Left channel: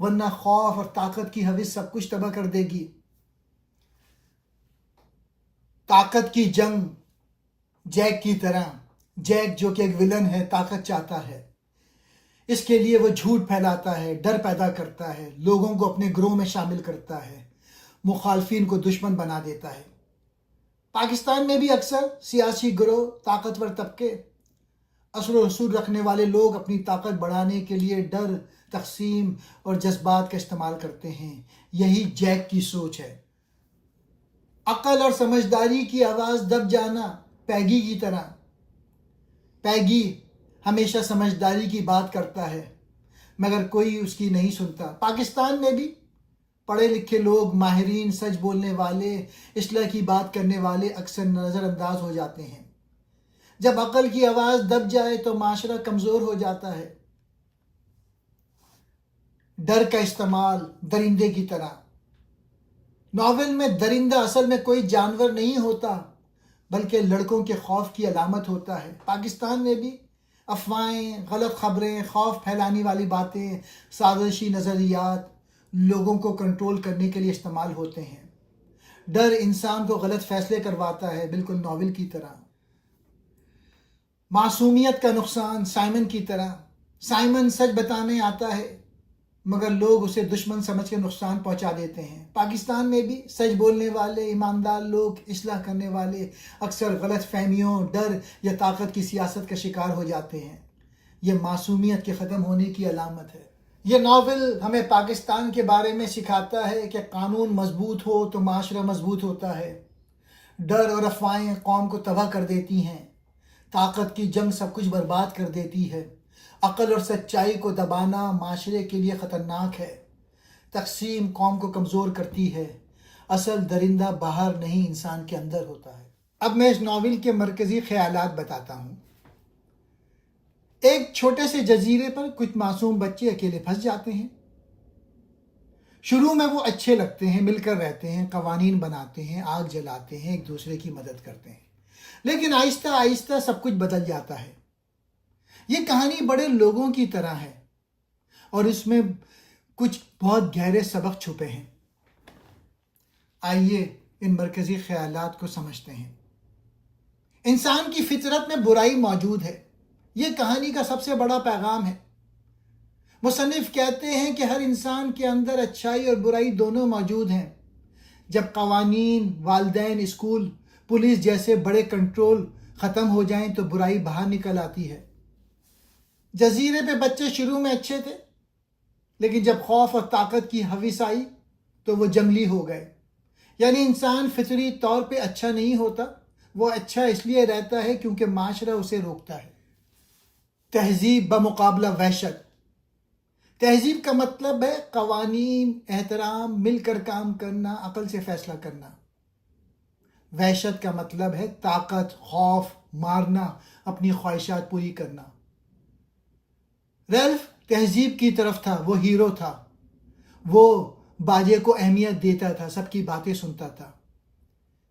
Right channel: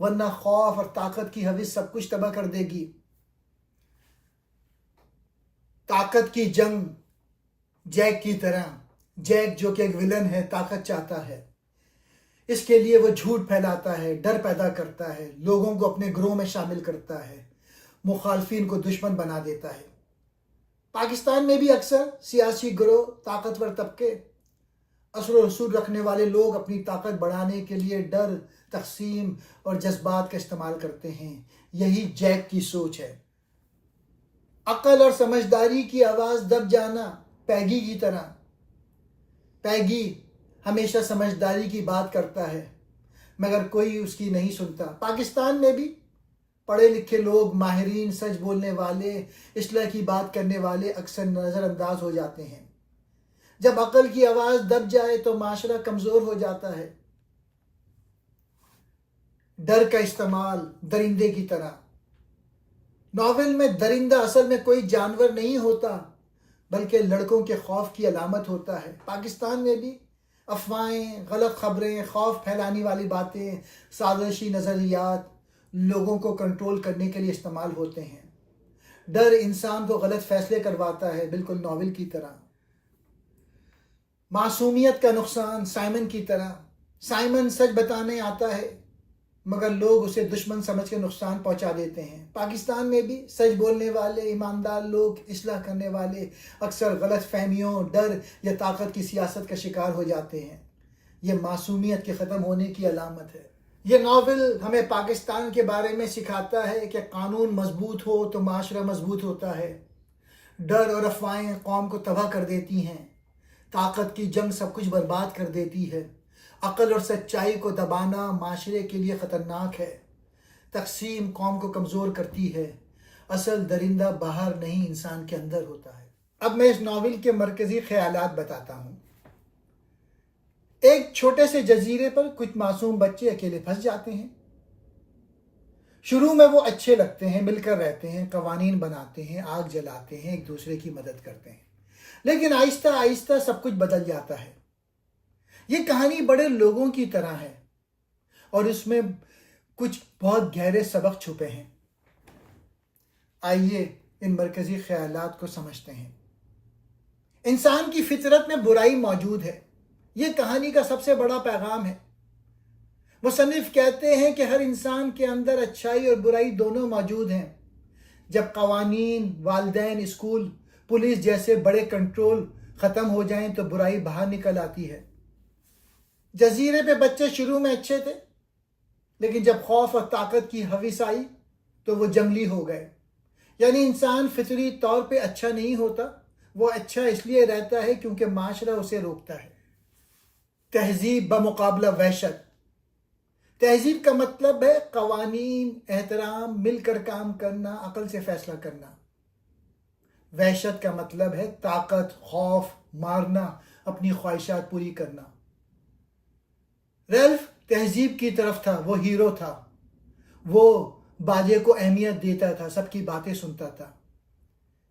ورنہ خوف اور طاقت کی حوث سب کچھ تباہ کر دے گی. طاقت کی جنگ جیک کی طرح. جیک جو کہ ایک ولن ہے طاقت چاہتا ہے. اس کے لیے وہ جھوٹ پھیلاتا ہے، ڈر پیدا کرتا ہے، لوگوں کو اپنے گروہ میں شامل کرتا ہے، مخالفین کو دشمن بنا دیتا ہے. پاکستان میں بھی اکثر سیاسی گروہ، طاقتور طبقے، اثر و رسوخ رکھنے والے لوگ اپنی طاقت بڑھانے کے لیے ڈر، تقسیم اور جذبات کا استعمال کرتے ہیں. یہی جیک کی سوچ ہے. عقل اور سمجھداری کی آواز دب جانا پیگی کی طرح. پیگی ہمیشہ سمجھداری کی بات کرتا ہے مگر کوئی اس کی نہیں سنتا. پاکستان میں بھی پڑھے لکھے لوگ، ماہرین، سچ بولنے والے، اصلاح کی بات کرنے والے اکثر نظر انداز ہو جاتے ہیں. جب عقل کی آواز دب جائے تو معاشرہ کمزور ہو جاتا ہے. ڈر کا استعمال درندے کی طرح. ناول میں درندہ اصل میں کوئی جانور نہیں ہوتا بلکہ لڑکوں کے خوف کی علامت ہوتا ہے. پاکستان میں بھی افواہیں، غلط خبریں، خوف پھیلانے والی باتیں، سازشی نظریات لوگوں کو کنٹرول کرنے کے لیے استعمال ہوتے ہیں. ڈر انسان کو غلط فیصلے کرواتا ہے، بالکل ناول کی طرح. معصومیت کا نقصان سائمن کی طرح. سائمن سچ بتانے آتا ہے مگر لوگ اسے دشمن سمجھ کے نقصان پہنچا دیتے ہیں. پاکستان میں بھی سچ بولنے والے، ایماندار لوگ، اصلاح کرنے والے اکثر غلط فہمیوں، ڈر یا طاقت کی سیاست کا شکار ہو جاتے ہیں. یہ معصومیت کے ختم ہونے کی علامت ہے. یہ ناول ہمیں پاکستان کے بارے میں سکھاتا ہے کہ قانون مضبوط ہو تو معاشرہ مضبوط ہوتا ہے. ڈر اور افواہیں قوم کو تباہ کر دیتی ہیں. طاقت کی جنگ سب کچھ برباد کر دیتی ہے. عقل اور سچائی کو دبانا معاشرے کے لیے خطرناک ہے. تقسیم قوم کو کمزور کرتی ہے. اصل درندہ باہر نہیں، انسان کے اندر ہوتا ہے. اب میں اس ناول کے مرکزی خیالات بتاتا ہوں. ایک چھوٹے سے جزیرے پر کچھ معصوم بچے اکیلے پھنس جاتے ہیں. شروع میں وہ اچھے لگتے ہیں، مل کر رہتے ہیں، قوانین بناتے ہیں، آگ جلاتے ہیں، ایک دوسرے کی مدد کرتے ہیں. لیکن آہستہ آہستہ سب کچھ بدل جاتا ہے. یہ کہانی بڑے لوگوں کی طرح ہے اور اس میں کچھ بہت گہرے سبق چھپے ہیں. آئیے ان مرکزی خیالات کو سمجھتے ہیں. انسان کی فطرت میں برائی موجود ہے. یہ کہانی کا سب سے بڑا پیغام ہے. مصنف کہتے ہیں کہ ہر انسان کے اندر اچھائی اور برائی دونوں موجود ہیں. جب قوانین، والدین، اسکول، پولیس جیسے بڑے کنٹرول ختم ہو جائیں تو برائی باہر نکل آتی ہے. جزیرے پہ بچے شروع میں اچھے تھے لیکن جب خوف اور طاقت کی حوث آئی تو وہ جنگلی ہو گئے. یعنی انسان فطری طور پہ اچھا نہیں ہوتا، وہ اچھا اس لیے رہتا ہے کیونکہ معاشرہ اسے روکتا ہے. تہذیب بمقابلہ وحشت. تہذیب کا مطلب ہے قوانین، احترام، مل کر کام کرنا، عقل سے فیصلہ کرنا. وحشت کا مطلب ہے طاقت، خوف، مارنا، اپنی خواہشات پوری کرنا. ریلف تہذیب کی طرف تھا، وہ ہیرو تھا. وہ باجے کو اہمیت دیتا تھا، سب کی باتیں سنتا تھا.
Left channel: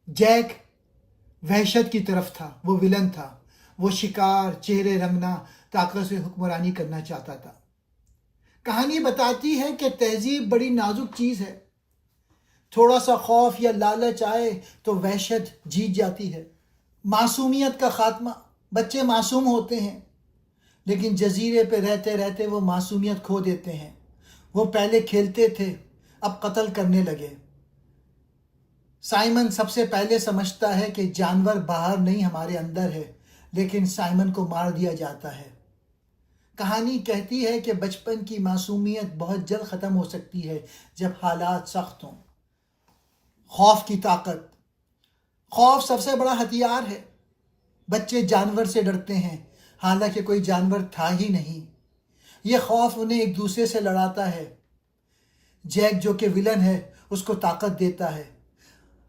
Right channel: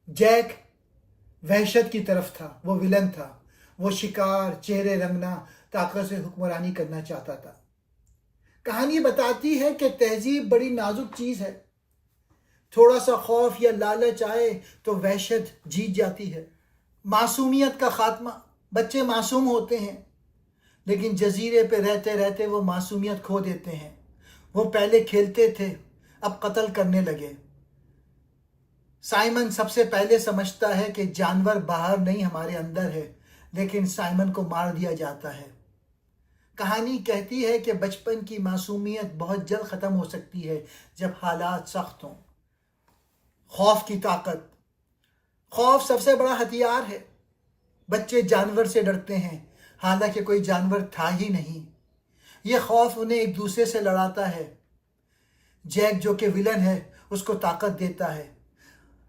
جیک وحشت کی طرف تھا، وہ ولن تھا. وہ شکار، چہرے رنگنا، طاقت سے حکمرانی کرنا چاہتا تھا. کہانی بتاتی ہے کہ تہذیب بڑی نازک چیز ہے. تھوڑا سا خوف یا لالچ آئے تو وحشت جیت جاتی ہے. معصومیت کا خاتمہ. بچے معصوم ہوتے ہیں لیکن جزیرے پہ رہتے رہتے وہ معصومیت کھو دیتے ہیں. وہ پہلے کھیلتے تھے، اب قتل کرنے لگے. سائمن سب سے پہلے سمجھتا ہے کہ جانور باہر نہیں ہمارے اندر ہے، لیکن سائمن کو مار دیا جاتا ہے. کہانی کہتی ہے کہ بچپن کی معصومیت بہت جلد ختم ہو سکتی ہے جب حالات سخت ہوں. خوف کی طاقت. خوف سب سے بڑا ہتھیار ہے. بچے جانور سے ڈرتے ہیں حالانکہ کوئی جانور تھا ہی نہیں. یہ خوف انہیں ایک دوسرے سے لڑاتا ہے. جیک جو کہ ولن ہے اس کو طاقت دیتا ہے.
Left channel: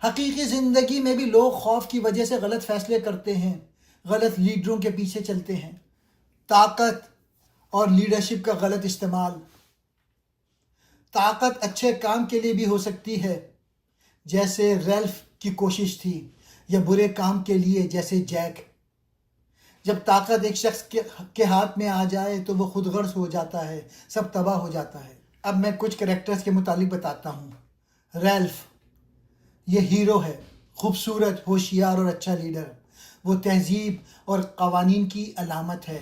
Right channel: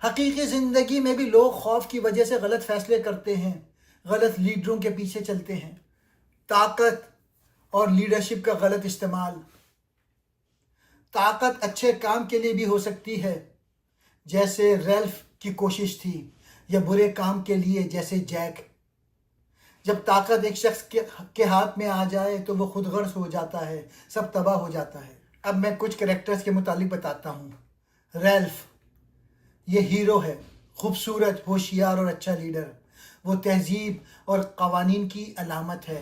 حقیقی زندگی میں بھی لوگ خوف کی وجہ سے غلط فیصلے کرتے ہیں، غلط لیڈروں کے پیچھے چلتے ہیں. طاقت اور لیڈرشپ کا غلط استعمال. طاقت اچھے کام کے لیے بھی ہو سکتی ہے جیسے ریلف کی کوشش تھی، یا برے کام کے لیے جیسے جیک. جب طاقت ایک شخص کے ہاتھ میں آ جائے تو وہ خود غرض ہو جاتا ہے، سب تباہ ہو جاتا ہے. اب میں کچھ کریکٹرز کے متعلق بتاتا ہوں. ریلف یہ ہیرو ہے، خوبصورت، ہوشیار اور اچھا لیڈر. وہ تہذیب اور قوانین کی علامت ہے.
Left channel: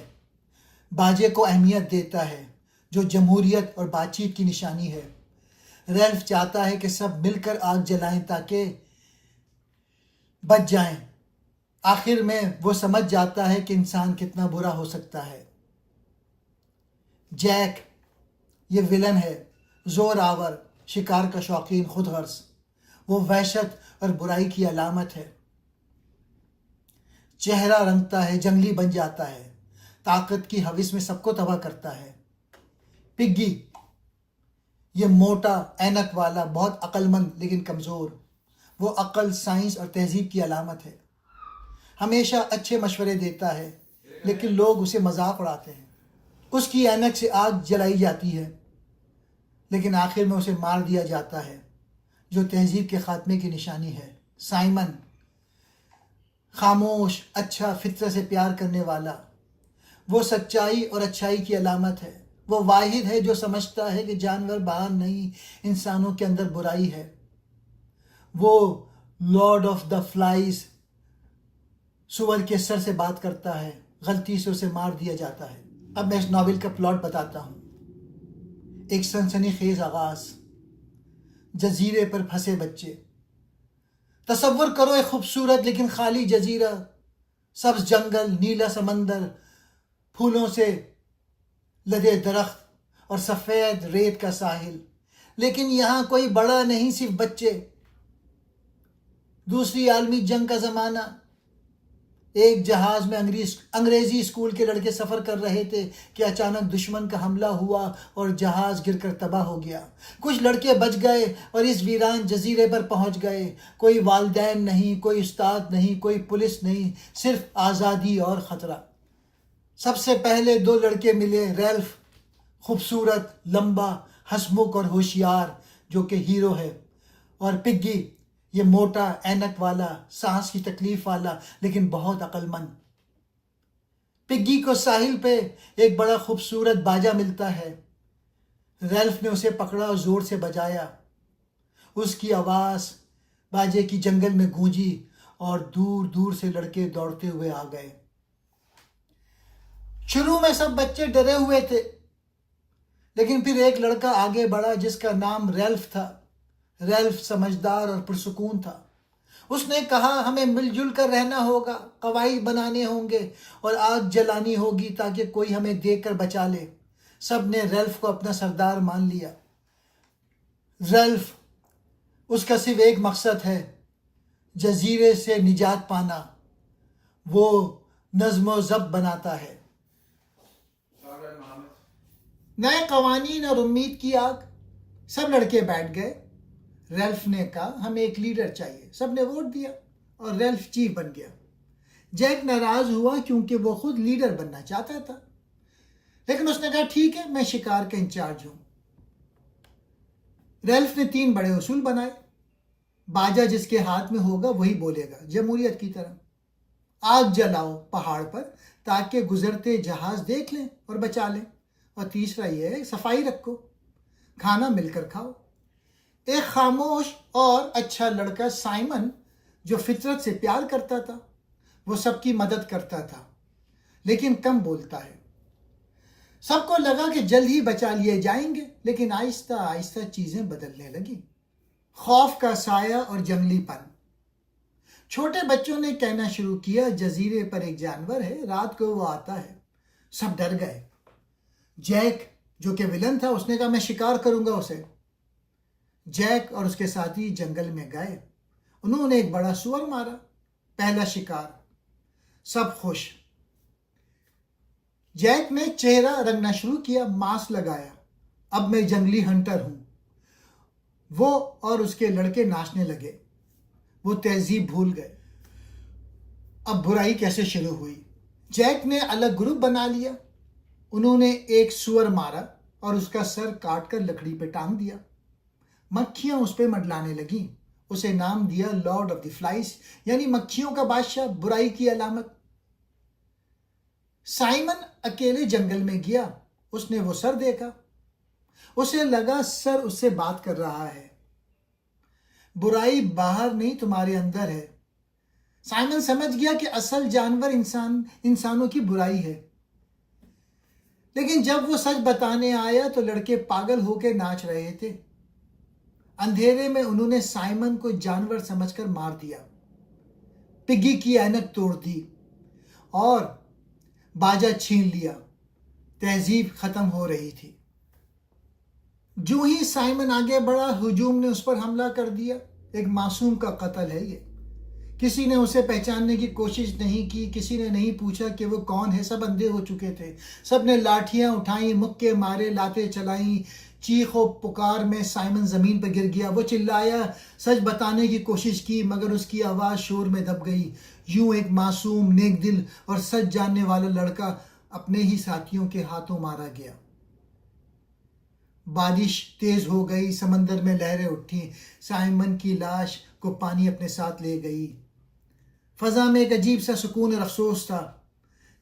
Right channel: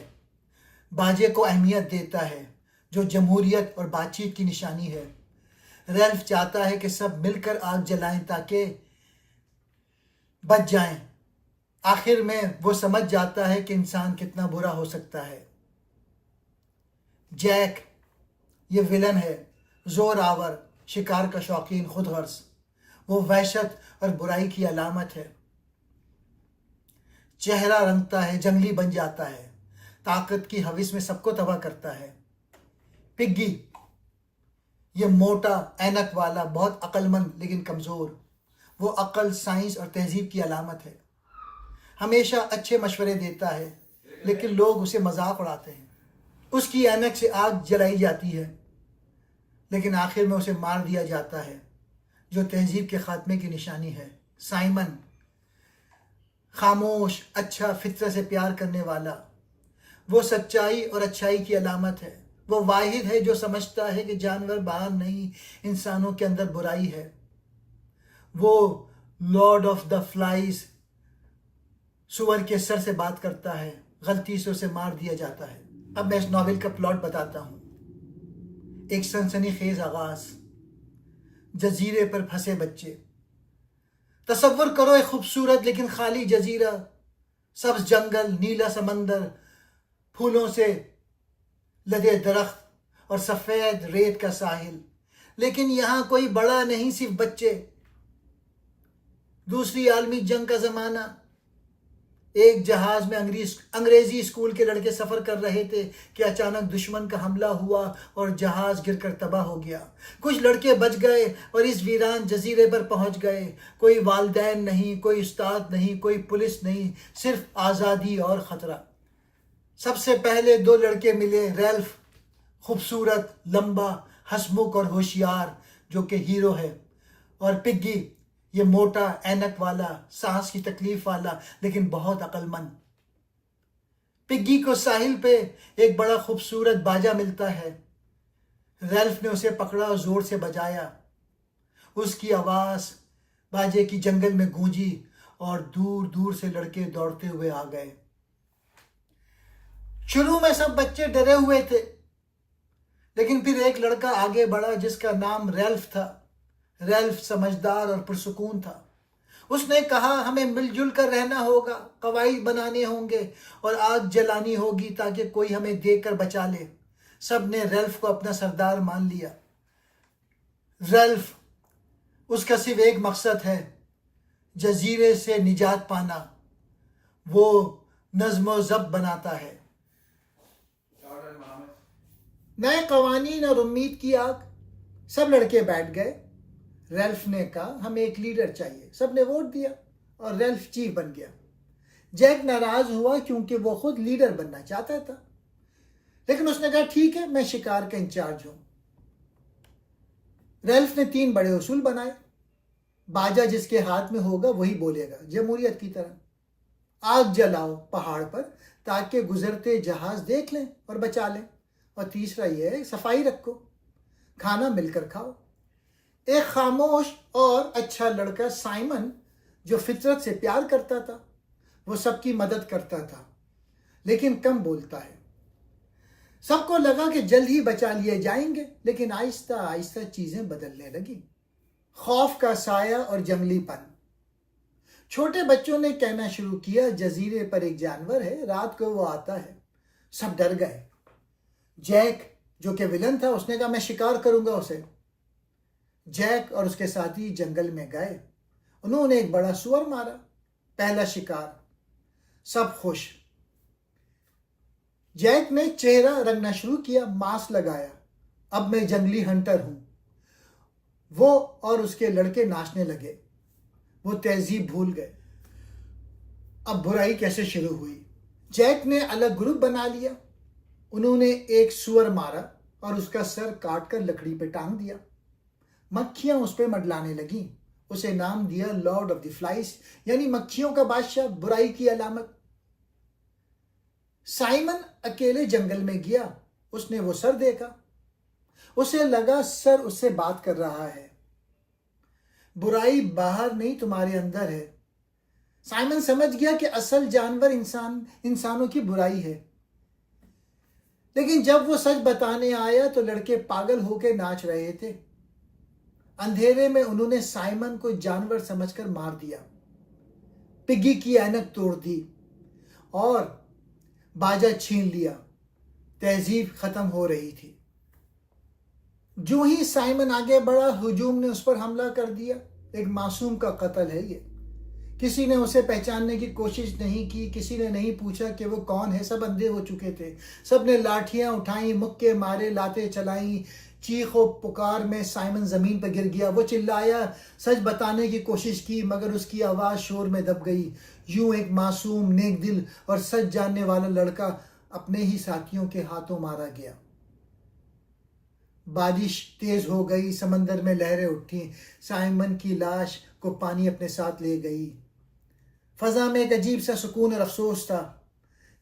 باجے کو اہمیت دیتا ہے جو جمہوریت اور بات چیت کی نشانی ہے. ریلف چاہتا ہے کہ سب مل کر آگ جلائیں تاکہ بچ جائیں. آخر میں وہ سمجھ جاتا ہے کہ انسان کتنا برا ہو سکتا ہے. جیک یہ ولن ہے، زور آور، شکار کا شوقین، خود غرض. وہ وحشت اور برائی کی علامت ہے. چہرہ رنگتا ہے، جنگلی بن جاتا ہے، طاقت کی ہوس میں سب کو تباہ کرتا ہے. پگی یہ موٹا، اینک والا، بہت عقل مند لیکن کمزور. وہ عقل، سائنس اور تہذیب کی علامت ہے. ہمیشہ اچھے مشورے دیتا ہے لیکن لوگ اسے مذاق اڑاتے ہیں. اس کی اینک سے آگ جلائی جاتی ہے لیکن آخر میں اسے مار دیا جاتا ہے، جو تہذیب کے خاتمے کی نشانی ہے. سائمن خاموش، اچھا، فطرت سے پیار کرنے والا. وہ سچائی اور اچھائی کی علامت ہے. وہ واحد ہے جو سمجھتا ہے کہ جانور باہر نہیں، انسانوں کے اندر برائی ہے. وہ لارڈ آف دا فلائز، سور کے سر سے بات کرتا ہے، غلطی سے اسے مار دیا جاتا ہے. اب میں اس ناول کا پلاٹ بتاتا ہوں. ایک سنسنی خیز آغاز. جزیرے پر پھنسے بچے. تصور کرو ایک خوبصورت لیکن خالی جزیرہ، سبز جنگل، نیلا سمندر، پھولوں سے لدے درخت اور سفید ریت کا ساحل. لیکن یہاں کوئی بڑا نہیں، صرف بچے. دوسری عالمی جنگ کا زمانہ. ایک جہاز میں انگریزی اسکول کے لڑکے سفر کر رہے تھے کہ اچانک دشمن کا حملہ ہوا اور جہاز گر کر تباہ ہو گیا. کچھ لڑکے بچ گئے اور اس ویران جزیرے پر پہنچ گئے. کوئی والدین نہیں، کوئی استاد نہیں، کوئی پولیس نہیں، صرف آزادی اور خطرہ. سب سے پہلے دو لڑکے ملے. ریلف خوبصورت، لمبا، ہنسمکھ اور ہوشیار جو کہ ہیرو ہے، اور پگی یہ موٹا، اینک والا، سانس کی تکلیف والا لیکن بہت عقل مند. پگی کو ساحل پہ ایک بڑا خوبصورت باجا ملتا ہے. ریلف نے اسے پکڑا اور زور سے بجایا. اس کی آواز باجے کی جنگل میں گونجی اور دور دور سے لڑکے دوڑتے ہوئے آ گئے. شروع میں سب بچے ڈرے ہوئے تھے لیکن پھر ایک لڑکا آگے بڑھا جس کا نام ریلف تھا. ریلف سمجھدار اور پرسکون تھا. اس نے کہا ہمیں مل جل کر رہنا ہوگا، قواعد بنانے ہوں گے اور آگ جلانی ہوگی تاکہ کوئی ہمیں دیکھ کر بچا لے. سب نے ریلف کو اپنا سردار مان لیا. ریلف اس کا صرف ایک مقصد ہے، جزیرے سے نجات پانا. وہ نظم و ضبط بناتا ہے. نئے قوانین اور امید کی آگ. سب لڑکے بیٹھ گئے. ریلف نے کہا ہمیں ایک لیڈر چاہیے. سب نے ووٹ دیا اور ریلف چیف بن گیا. جیک ناراض ہوا کیونکہ وہ خود لیڈر بننا چاہتا تھا، لیکن اس نے کہا ٹھیک ہے، میں شکار کا انچارج ہوں. ریلف نے 3 بڑے اصول بنائے. باجا جس کے ہاتھ میں ہوگا وہی بولے گا، جمہوریت کی طرح. آگ جلاؤ پہاڑ پر تاکہ گزرتے جہاز دیکھ لیں اور بچا لیں. اور تیسرا یہ ہے صفائی رکھو، کھانا مل کر کھاؤ. ایک خاموش اور اچھا لڑکا سائمن جو فطرت سے پیار کرتا تھا، وہ سب کی مدد کرتا تھا لیکن کم بولتا ہے. سب کو لگا کہ جلد ہی بچا لیے جائیں گے لیکن آہستہ آہستہ چیزیں بدلنے لگیں. خوف کا سایہ اور جنگلی پن. چھوٹے بچوں نے کہنا شروع کیا جزیرے پر ایک جانور ہے، رات کو وہ آتا ہے. سب ڈر گئے. جیک جو کہ ولن تھا اس نے کہا میں شکار کروں گا اسے. جیک اور اس کے ساتھی جنگل میں گئے. انہوں نے ایک بڑا سور مارا. پہلا شکار. سب خوش. جیک نے چہرہ رنگنا شروع کیا، ماسک لگایا. اب میں جنگلی ہنٹر ہوں. وہ اور اس کے لڑکے ناچنے لگے. وہ تہذیب بھول گئے. اب برائی کیسے شروع ہوئی. جیک نے الگ گروپ بنا لیا. انہوں نے ایک سور مارا اور اس کا سر کاٹ کر لکڑی پہ ٹانگ دیا. مکھیاں اس پہ منڈلانے لگیں. اسے نام دیا لارڈ آف دی فلائز، یعنی مکھیوں کا بادشاہ، برائی کی علامت. سائمن اکیلے جنگل میں گیا. اس نے وہ سر دیکھا. اسے لگا سر اس سے بات کر رہا ہے. برائی باہر نہیں تمہارے اندر ہے. سائمن سمجھ گیا کہ اصل جانور انسانوں کی برائی ہے. لیکن جب وہ سچ بتانے آیا تو لڑکے پاگل ہو کے ناچ رہے تھے. اندھیرے میں انہوں نے سائمن کو جانور سمجھ کر مار دیا. پگی کی اینک توڑ دی اور باجا چھین لیا. تہذیب ختم ہو رہی تھی. جو ہی سائمن آگے بڑھا ہجوم نے اس پر حملہ کر دیا. ایک معصوم کا قتل ہے یہ. کسی نے اسے پہچاننے کی کوشش نہیں کی. کسی نے نہیں پوچھا کہ وہ کون ہے. سب اندھے ہو چکے تھے. سب نے لاٹھیاں اٹھائیں, مکے مارے, لاتیں چلائیں. چیخ و پکار میں سائمن زمین پر گر گیا. وہ چلایا, سچ بتانے کی کوشش کی, مگر اس کی آواز شور میں دب گئی. یوں ایک معصوم, نیک دل اور سچ جاننے والا لڑکا اپنے ہی ساتھیوں کے ہاتھوں مارا گیا. بارش تیز ہو گئی. سمندر میں لہریں اٹھیں. سائمن کی لاش کو پانی اپنے ساتھ لے گئی. فضا میں ایک عجیب سا سکون اور افسوس تھا,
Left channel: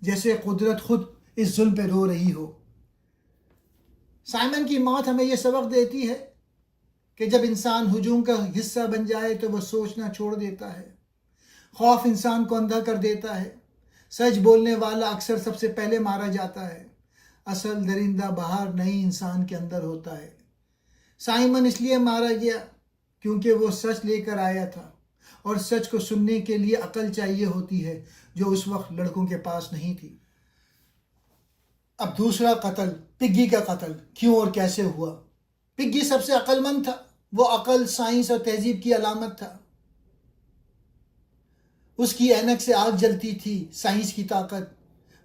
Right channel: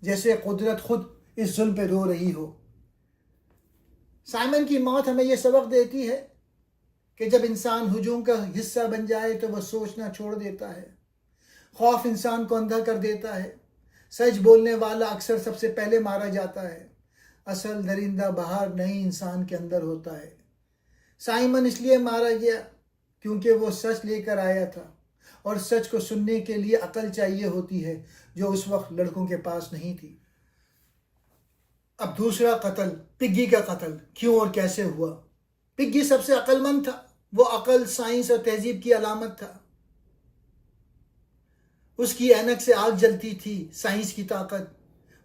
جیسے قدرت خود اس ظلم پہ رو رہی ہو. سائمن کی موت ہمیں یہ سبق دیتی ہے کہ جب انسان ہجوم کا حصہ بن جائے تو وہ سوچنا چھوڑ دیتا ہے. خوف انسان کو اندھا کر دیتا ہے. سچ بولنے والا اکثر سب سے پہلے مارا جاتا ہے. اصل درندہ باہر نہیں, انسان کے اندر ہوتا ہے. سائمن اس لیے مارا گیا کیونکہ وہ سچ لے کر آیا تھا, اور سچ کو سننے کے لیے عقل چاہیے ہوتی ہے جو اس وقت لڑکوں کے پاس نہیں تھی. اب دوسرا قتل, پگی کا قتل. کیوں اور کیسے ہوا؟ پگی سب سے عقل مند تھا. وہ عقل, سائنس اور تہذیب کی علامت تھا. اس کی اینک سے آگ جلتی تھی, سائنس کی طاقت.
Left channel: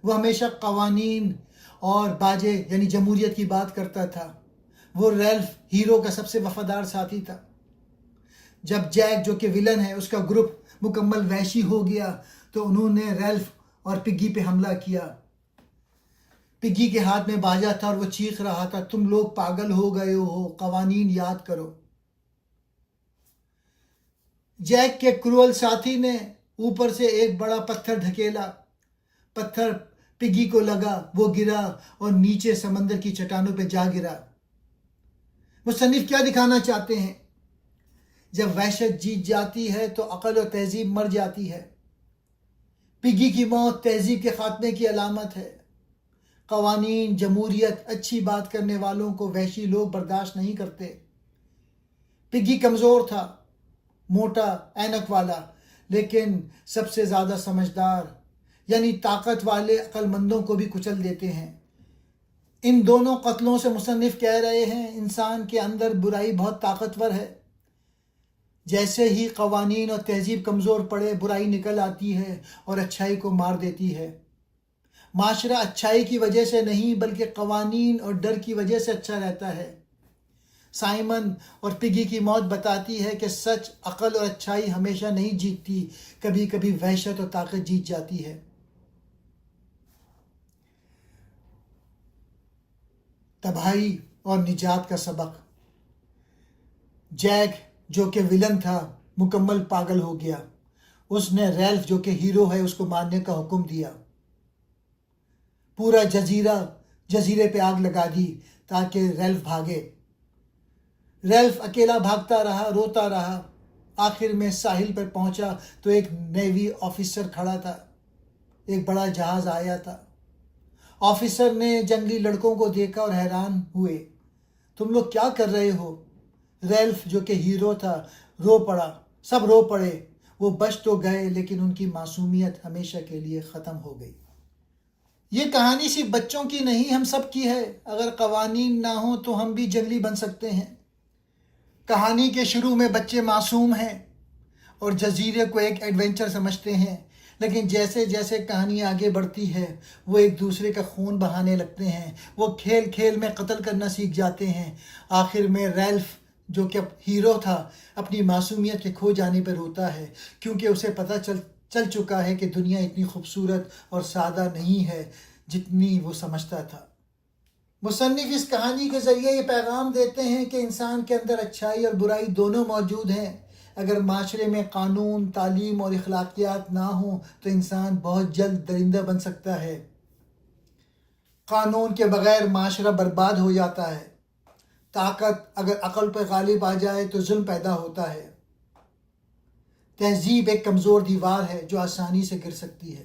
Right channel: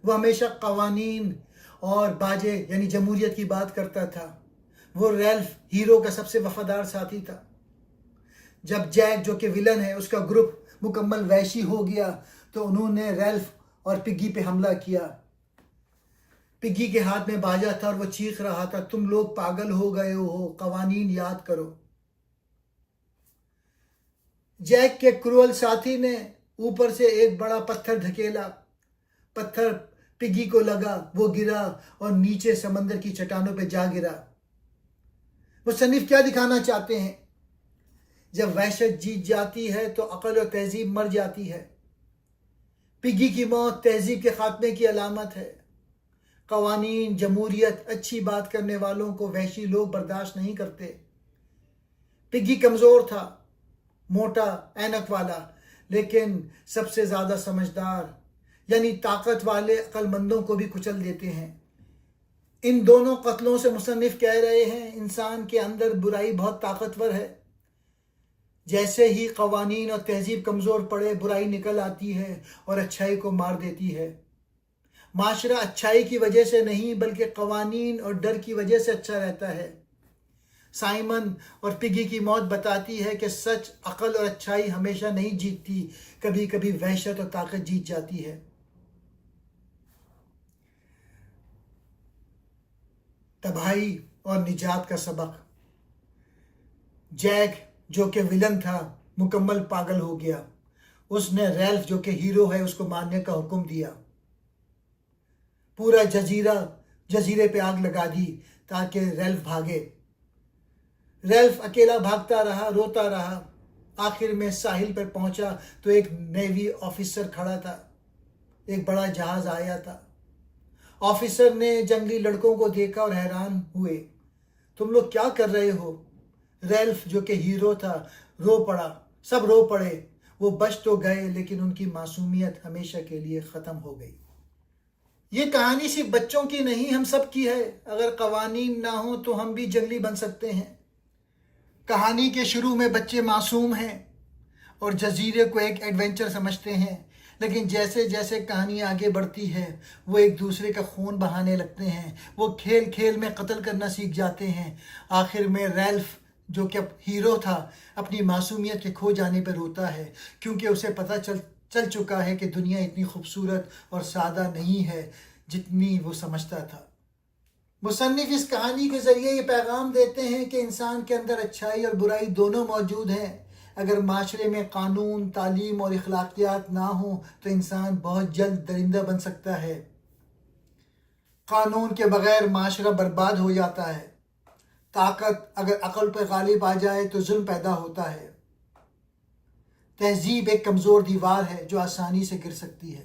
وہ ہمیشہ قوانین اور باجے یعنی جمہوریت کی بات کرتا تھا. وہ ریلف, ہیرو کا سب سے وفادار ساتھی تھا. جب جیک جو کہ ولن ہے, اس کا گروپ مکمل وحشی ہو گیا تو انہوں نے ریلف اور پگی پہ حملہ کیا. پگی کے ہاتھ میں باجا تھا اور وہ چیخ رہا تھا, تم لوگ پاگل ہو گئے ہو, قوانین یاد کرو. جیک کے کروئل ساتھی نے اوپر سے ایک بڑا پتھر دھکیلا. پتھر پگی کو لگا, وہ گرا اور نیچے سمندر کی چٹانوں پہ جا گرا. مصنف کیا دکھانا چاہتے ہیں؟ جب وحشت جیت جاتی ہے تو عقل اور تہذیب مر جاتی ہے. پگی کی موت تہذیب کے خاتمے کی علامت ہے. قوانین, جمہوریت, اچھی بات کرنے والوں کو وحشی لوگ برداشت نہیں کرتے. پگی کمزور تھا, موٹا, اینک والا, لیکن سب سے زیادہ سمجھدار, یعنی طاقت والے عقل مندوں کو بھی کچل دیتے ہیں. ان دونوں قتلوں سے مصنف کہہ رہے ہیں انسان کے اندر برائی بہت طاقتور ہے. جیسے ہی قوانین اور تہذیب کمزور پڑے, برائی نکل آتی ہے اور اچھائی کو مار دیتی ہے. معاشرہ اچھائی کی وجہ سے نہیں بلکہ قوانین اور ڈر کی وجہ سے اچھا رہتا ہے. سائمن اور پگی کی موت بتاتی ہے کہ سچ, عقل اور اچھائی ہمیشہ نہیں جیتتی, کبھی کبھی وحشت اور طاقت جیت جاتی ہے. تباہی اور نجات کا سبق. جیک جو کہ ولن تھا مکمل پاگل ہو گیا. اس نے ریلف جو کہ ہیرو ہے اس کو مارنے کا حکم دیا. پورا جزیرے پہ آگ لگا دی تاکہ ریلف بھاگے. ریلف اکیلا بھاگتا رہا, روتا رہا. آخر میں ساحل پر پہنچا تو ایک نیوی آفیسر کھڑا تھا. ایک بڑا جہاز آیا تھا. آفیسر نے جنگلی لڑکوں کو دیکھا اور حیران ہوئے. تم لوگ کیا کر رہے ہو؟ ریلف جو کہ ہیرو تھا رو پڑا. سب رو پڑے. وہ بچ تو گئے لیکن ان کی معصومیت ہمیشہ کے لیے ختم ہو گئی. یہ کہانی صرف بچوں کی نہیں, ہم سب کی ہے. اگر قوانین نہ ہوں تو ہم بھی جنگلی بن سکتے ہیں. کہانی کے شروع میں بچے معصوم ہیں اور جزیرے کو ایک ایڈونچر سمجھتے ہیں, لیکن جیسے جیسے کہانی آگے بڑھتی ہے وہ ایک دوسرے کا خون بہانے لگتے ہیں. وہ کھیل کھیل میں قتل کرنا سیکھ جاتے ہیں. آخر میں ریلف جو کہ ہیرو تھا اپنی معصومیت کے کھو جانے پر روتا ہے, کیونکہ اسے پتہ چل چکا ہے کہ دنیا اتنی خوبصورت اور سادہ نہیں ہے جتنی وہ سمجھتا تھا. مصنف اس کہانی کے ذریعے یہ پیغام دیتے ہیں کہ انسان کے اندر اچھائی اور برائی دونوں موجود ہیں. اگر معاشرے میں قانون, تعلیم اور اخلاقیات نہ ہوں تو انسان بہت جلد درندہ بن سکتا ہے. قانون کے بغیر معاشرہ برباد ہو جاتا ہے. طاقت اگر عقل پہ غالب آ جائے تو ظلم پیدا ہوتا ہے. تہذیب ایک کمزور دیوار ہے جو آسانی سے گر سکتی ہے.